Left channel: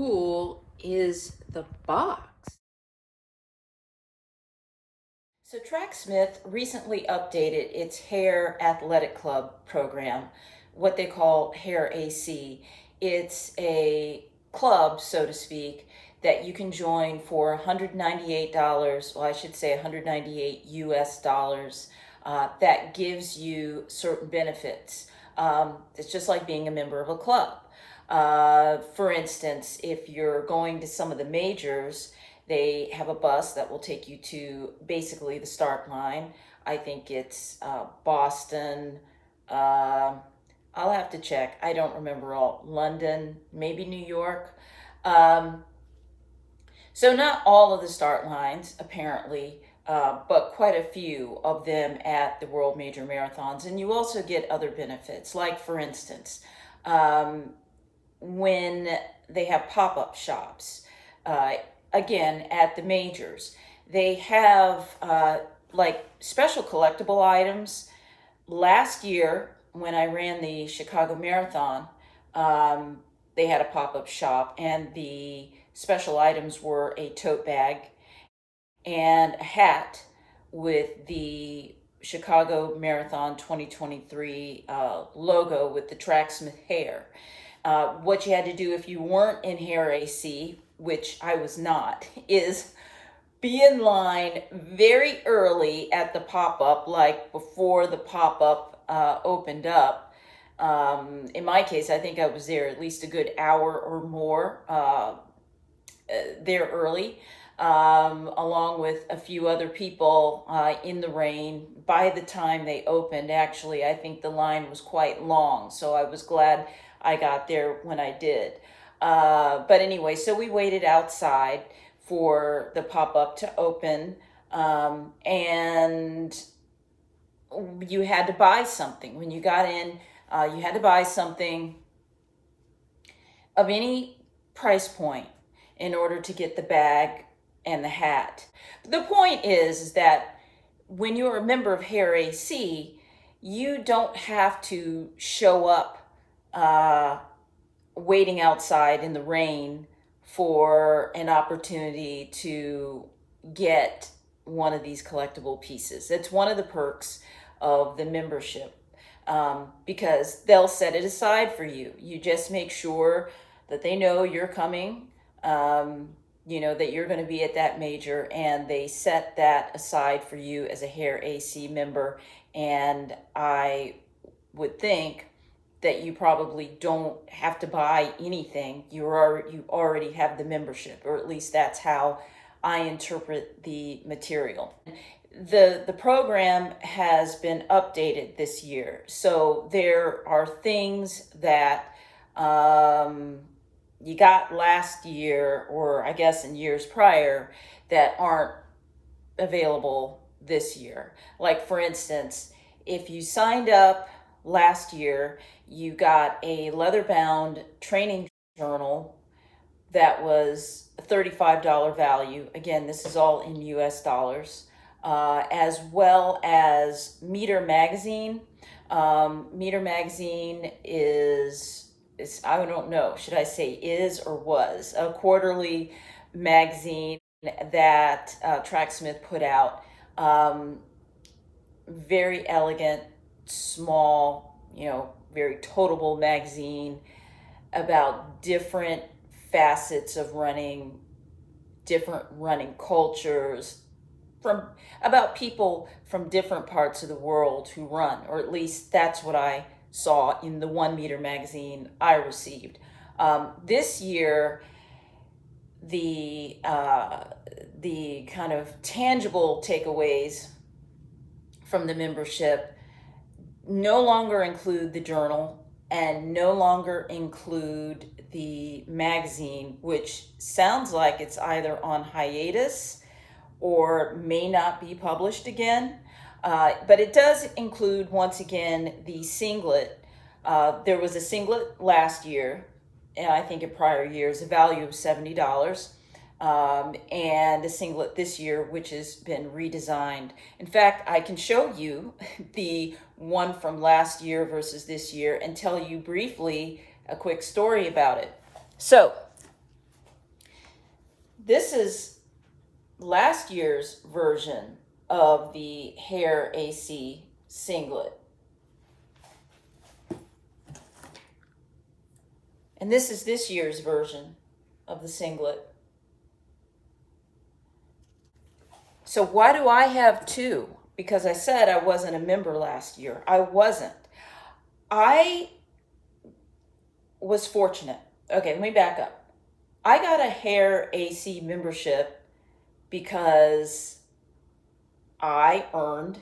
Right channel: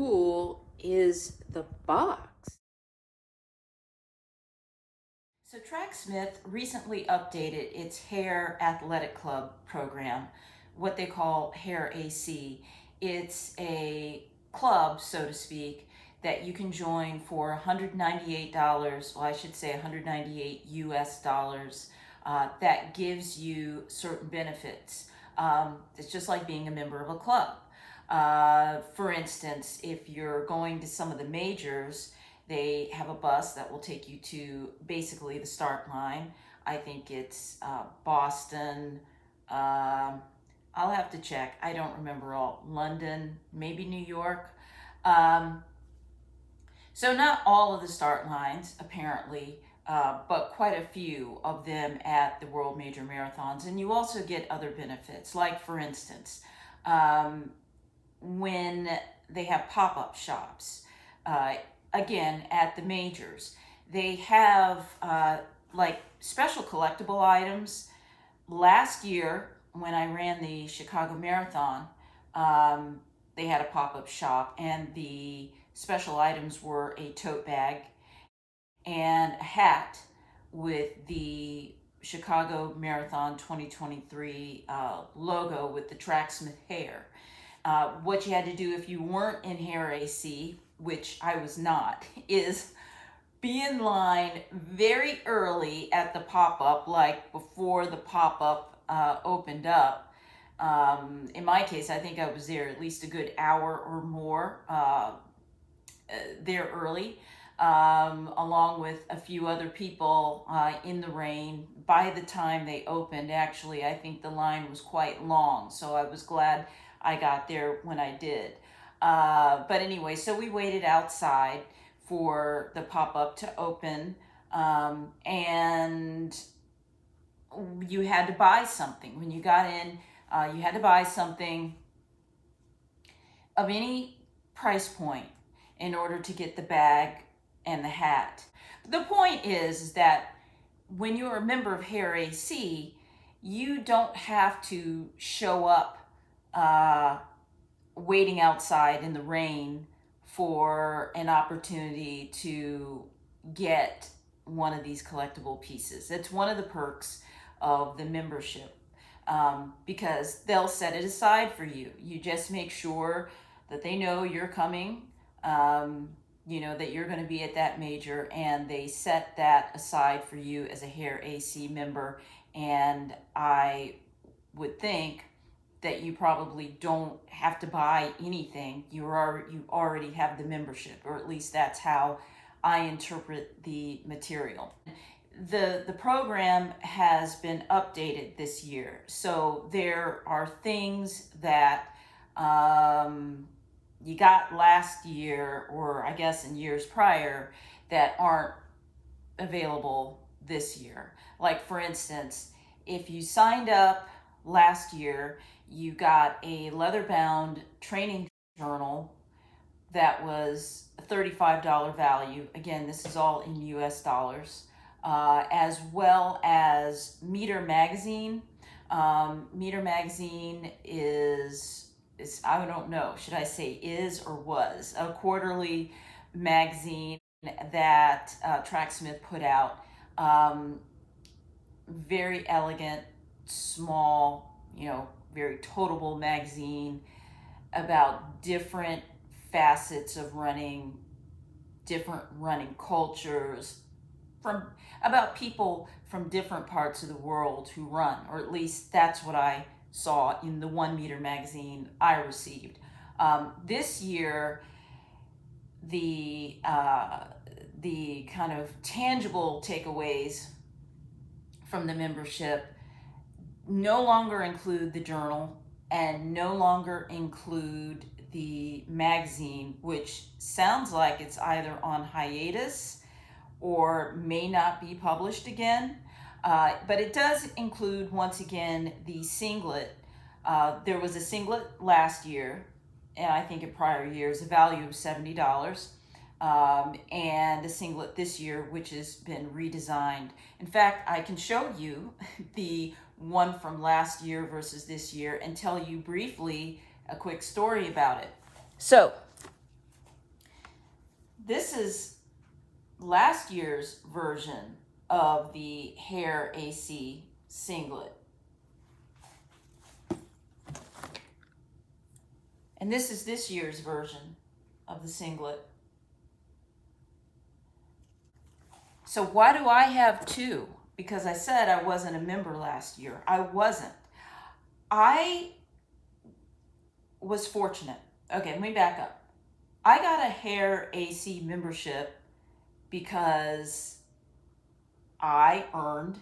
cool is the box? So Tracksmith recently updated its Hare Athletic Club program, what they call Hare AC. It's a club, so to speak, that you can join for $198, well, I should say 198 US dollars, that gives you certain benefits. It's just like being a member of a club. For instance, if you're going to some of the majors, they have a bus that will take you to basically the start line. I think it's Boston. I'll have to check. I don't remember all. London, maybe New York. So not all of the start lines, apparently, but quite a few of them at the World Major Marathons. And you also get other benefits, like, for instance, when they have pop-up shops, again, at the majors, they have like special collectible items. Last year, when I ran the Chicago Marathon, they had a pop-up shop, and the special items were a tote bag and a hat with the Chicago Marathon 2023 logo with the Tracksmith Hare. What you had to do if you weren't in Hare AC, which I was not, is be in line very early at the pop-up, like before the pop-up opened up. In my case, I think I was there at least a good hour or more there early, along with a few other people in the rain. By the time they opened, actually, I think the line was quite long, so I was glad I got there when I did. But anyway, so we waited outside for the pop-up to open, and you had to buy something. When you got in, you had to buy something of any price point in order to get the bag and the hat. The point is that when you're a member of Hare AC, you don't have to show up waiting outside in the rain for an opportunity to get one of these collectible pieces. It's one of the perks of the membership, because they'll set it aside for you. You just make sure that they know you're coming, that you're going to be at that major, and they set that aside for you as a Hare AC member. And I would think that you probably don't have to buy anything. You already have the membership, or at least that's how I interpret the material. The program has been updated this year, so there are things that you got last year, or I guess in years prior, that aren't available this year. Like, for instance, if you signed up last year, you got a leather-bound training journal that was a $35 value. Again, this is all in US dollars, as well as Meter Magazine. Meter Magazine is, I don't know, should I say is or was, a quarterly magazine that Tracksmith put out. Very elegant, small, very totable magazine about different facets of running, different running cultures, about people from different parts of the world who run, or at least that's what I saw in the 1 Meter magazine I received. This year, the kind of tangible takeaways from the membership no longer include the journal and no longer include the magazine, which sounds like it's either on hiatus or may not be published again. But it does include, once again, the singlet. There was a singlet last year, and I think in prior years, a value of $70. And a singlet this year, which has been redesigned. In fact, I can show you the one from last year versus this year and tell you briefly a quick story about it. So This is last year's version of the Hare AC singlet. And this is this year's version of the singlet. So why do I have two? Because I said I wasn't a member last year. I wasn't. I was fortunate. Okay, let me back up. I got a Hare AC membership because I earned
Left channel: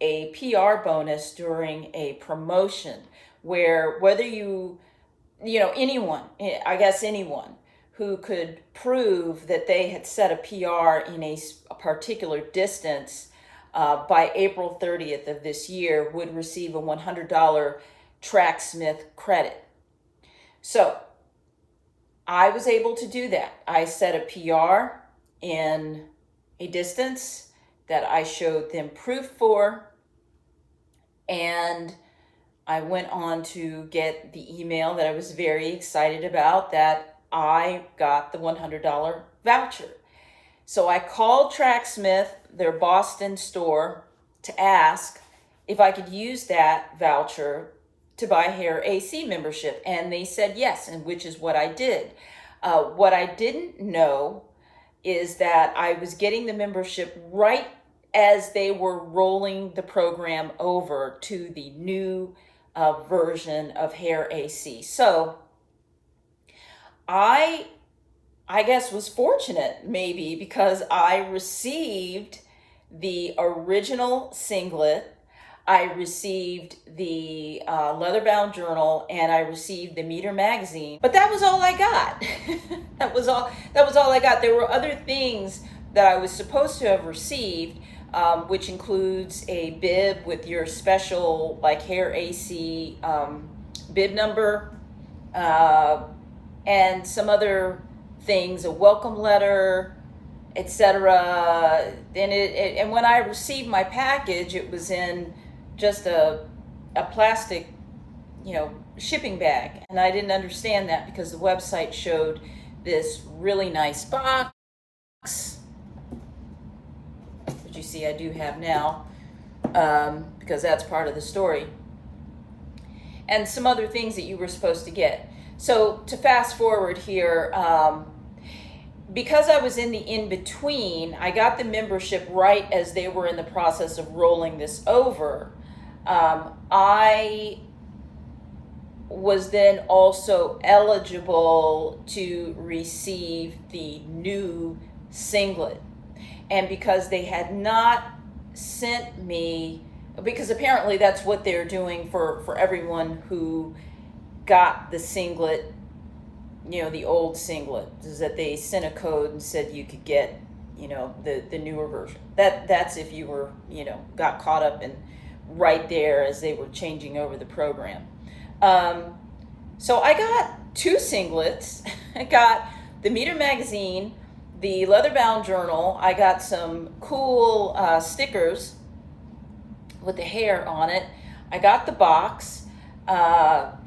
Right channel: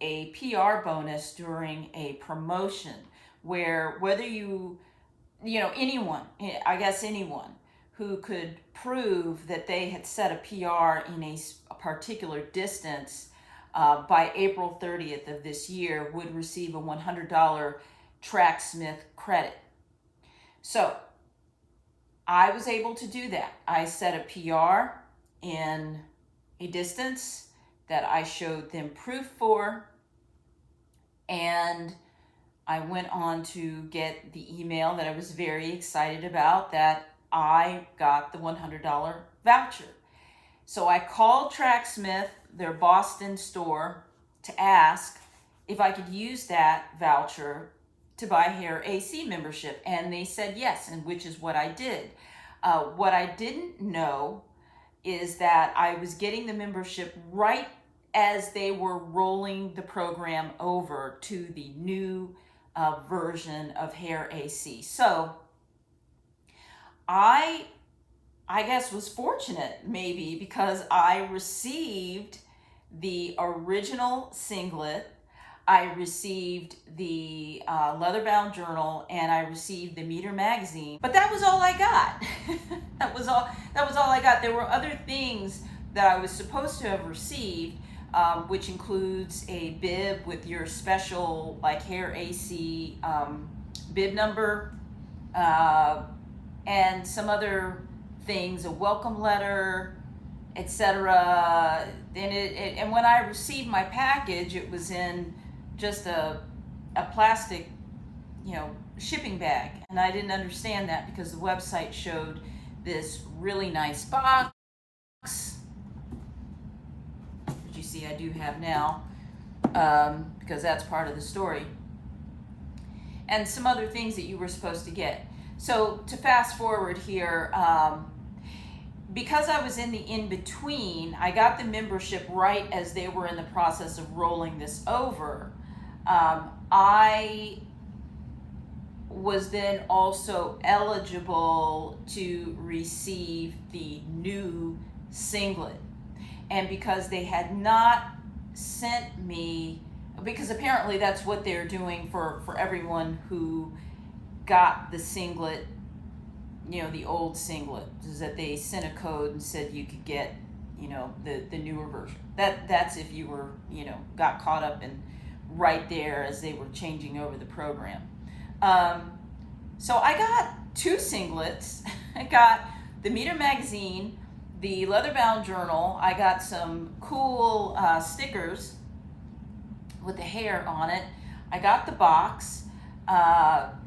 a PR bonus during a promotion where whether anyone, I guess anyone who could prove that they had set a PR in a particular distance by April 30th of this year would receive a $100 Tracksmith credit. So I was able to do that. I set a PR in a distance that I showed them proof for, and I went on to get the email that I was very excited about, that I got the $100 voucher. So I called Tracksmith, their Boston store, to ask if I could use that voucher to buy Hare AC membership, and they said yes, and which is what I did. What I didn't know is that I was getting the membership right as they were rolling the program over to the new version of Hare AC. So I guess was fortunate maybe because I received the original singlet, I received the leather-bound journal, and I received the Meter magazine. But that was all I got. That was all I got. There were other things that I was supposed to have received, which includes a bib with your special like Hare AC bib number, and some other things, a welcome letter, etc. And when I received my package, it was in just a plastic, shipping bag, and I didn't understand that because the website showed this really nice box, which you see I do have now, because that's part of the story, and some other things that you were supposed to get. So to fast forward here, because I was in the in-between, I got the membership right as they were in the process of rolling this over. I was then also eligible to receive the new singlet. And because they had not sent me, because apparently that's what they're doing for everyone who got the singlet, the old singlet, is that they sent a code and said you could get, the newer version. That's if you were, got caught up in right there as they were changing over the program. So I got two singlets. I got the Meter magazine, the leather-bound journal. I got some cool stickers with the Hare on it. I got the box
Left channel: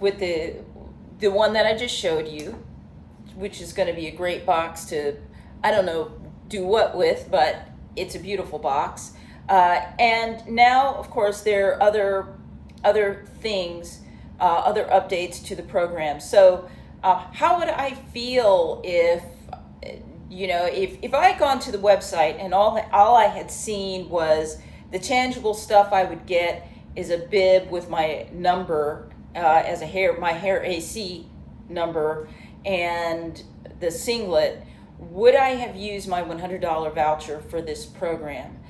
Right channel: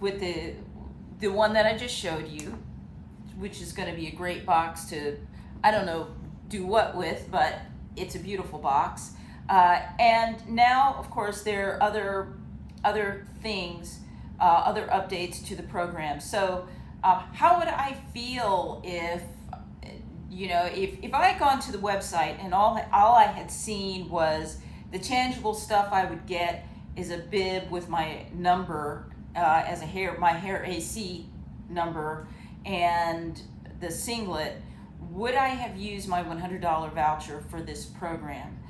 with the one that I just showed you, which is going to be a great box to, I don't know, do what with, but it's a beautiful box. And now, of course, there are other things, other updates to the program. So how would I feel if I had gone to the website and all I had seen was the tangible stuff I would get is a bib with my number as my Hare AC number and the singlet? Would I have used my $100 voucher for this program?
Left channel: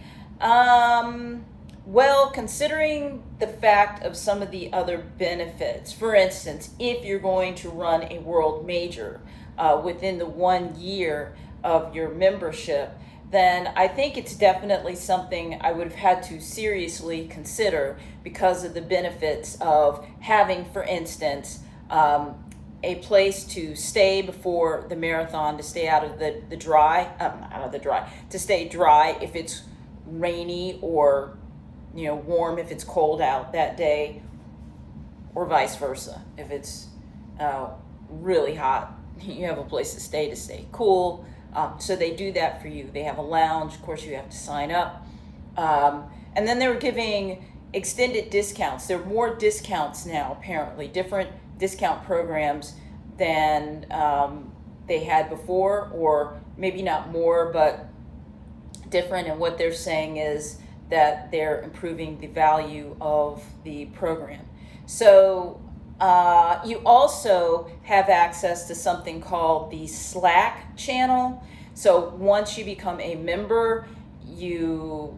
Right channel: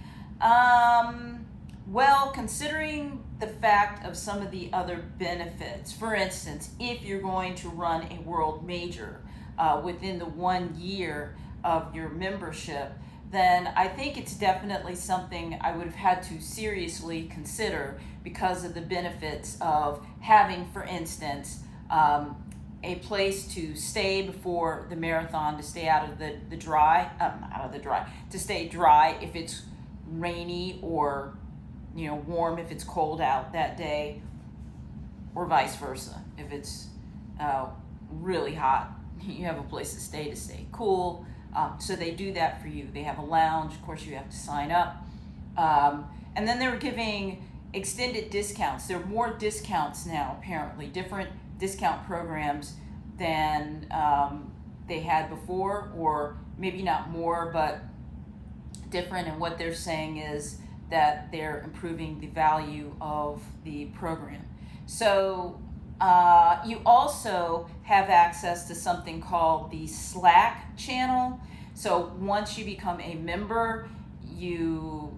Well, considering the fact of some of the other benefits, for instance, if you're going to run a world major within the 1 year of your membership, then I think it's definitely something I would have had to seriously consider because of the benefits of having, for instance, a place to stay before the marathon, to stay out of the dry, to stay dry if it's rainy, or warm if it's cold out that day, or vice versa. If it's really hot, you have a place to stay cool. So they do that for you. They have a lounge. Of course, you have to sign up. And then they were giving extended discounts. There are more discounts now, apparently, different discount programs than they had before, or maybe not more, but different. And what they're saying is that they're improving the value of the program. So you also have access to something called the Slack channel. So once you become a member, you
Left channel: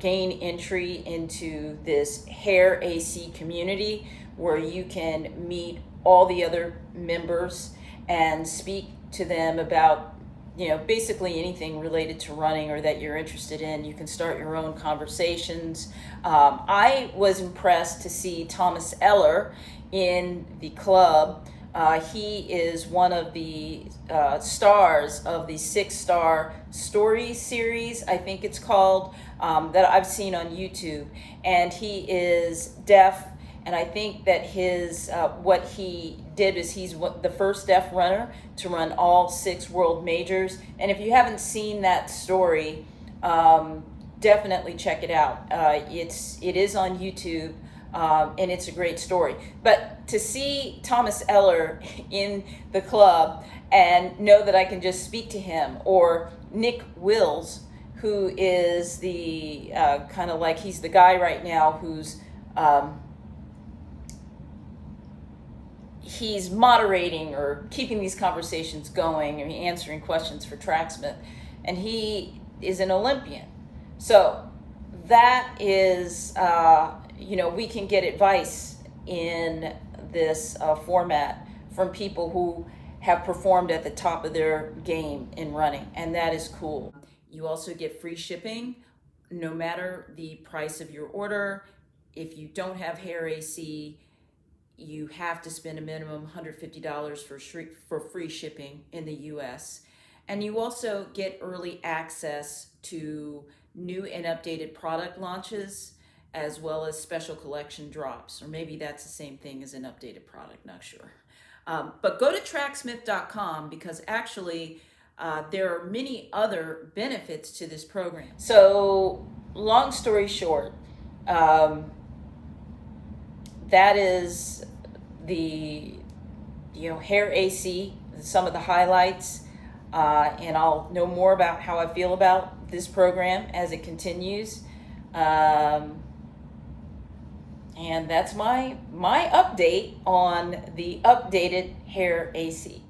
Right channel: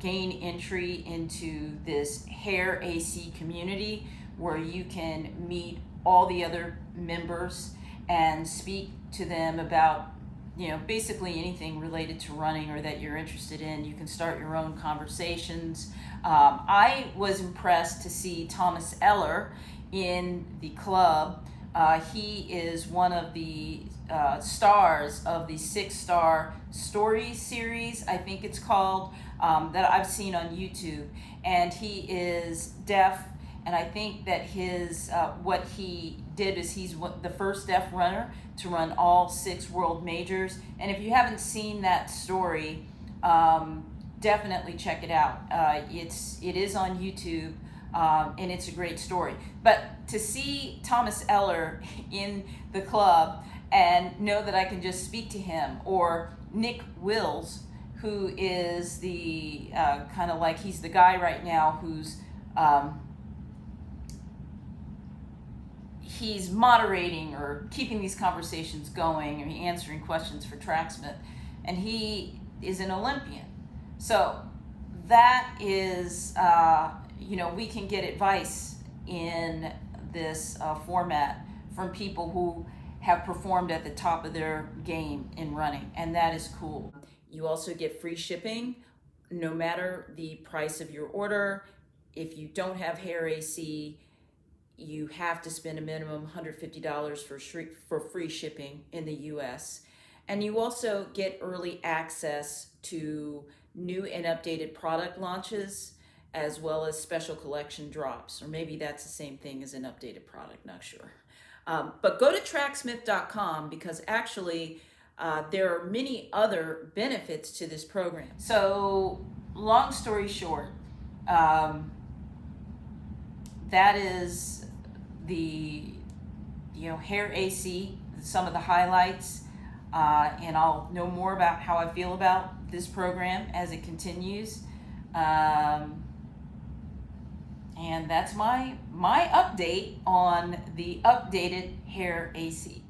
gain entry into this Hare AC community where you can meet all the other members and speak to them about, basically anything related to running or that you're interested in. You can start your own conversations. I was impressed to see Thomas Eller in the club. He is one of the stars of the 6-star stories series, I think it's called, that I've seen on YouTube. And he is deaf, and I think that his what he did is he's the first deaf runner to run all 6 world majors. And if you haven't seen that story, definitely check it out. It is on YouTube. And it's a great story. But to see Thomas Eller in the club and know that I can just speak to him, or Nick Wills, who is the kind of like, he's the guy right now who's he's moderating or keeping these conversations going, and answering questions for Tracksmith, and he is an Olympian. So that is we can get advice in this format from people who have performed at the top of their game in running, and that is cool. You also get free shipping no matter the price of your order. If you don't have Hare AC, you have to spend a minimum $150 for free shipping in the US. And you also get early access to new and updated product launches, as well as special collection drops, or maybe that's the same thing as an updated product, not sure. But go to tracksmith.com, because actually there are many other benefits to this program. So long story short, that is the Hare AC, some of the highlights, and I'll know more about how I feel about this program as it continues. And that's my update on the updated Hare AC.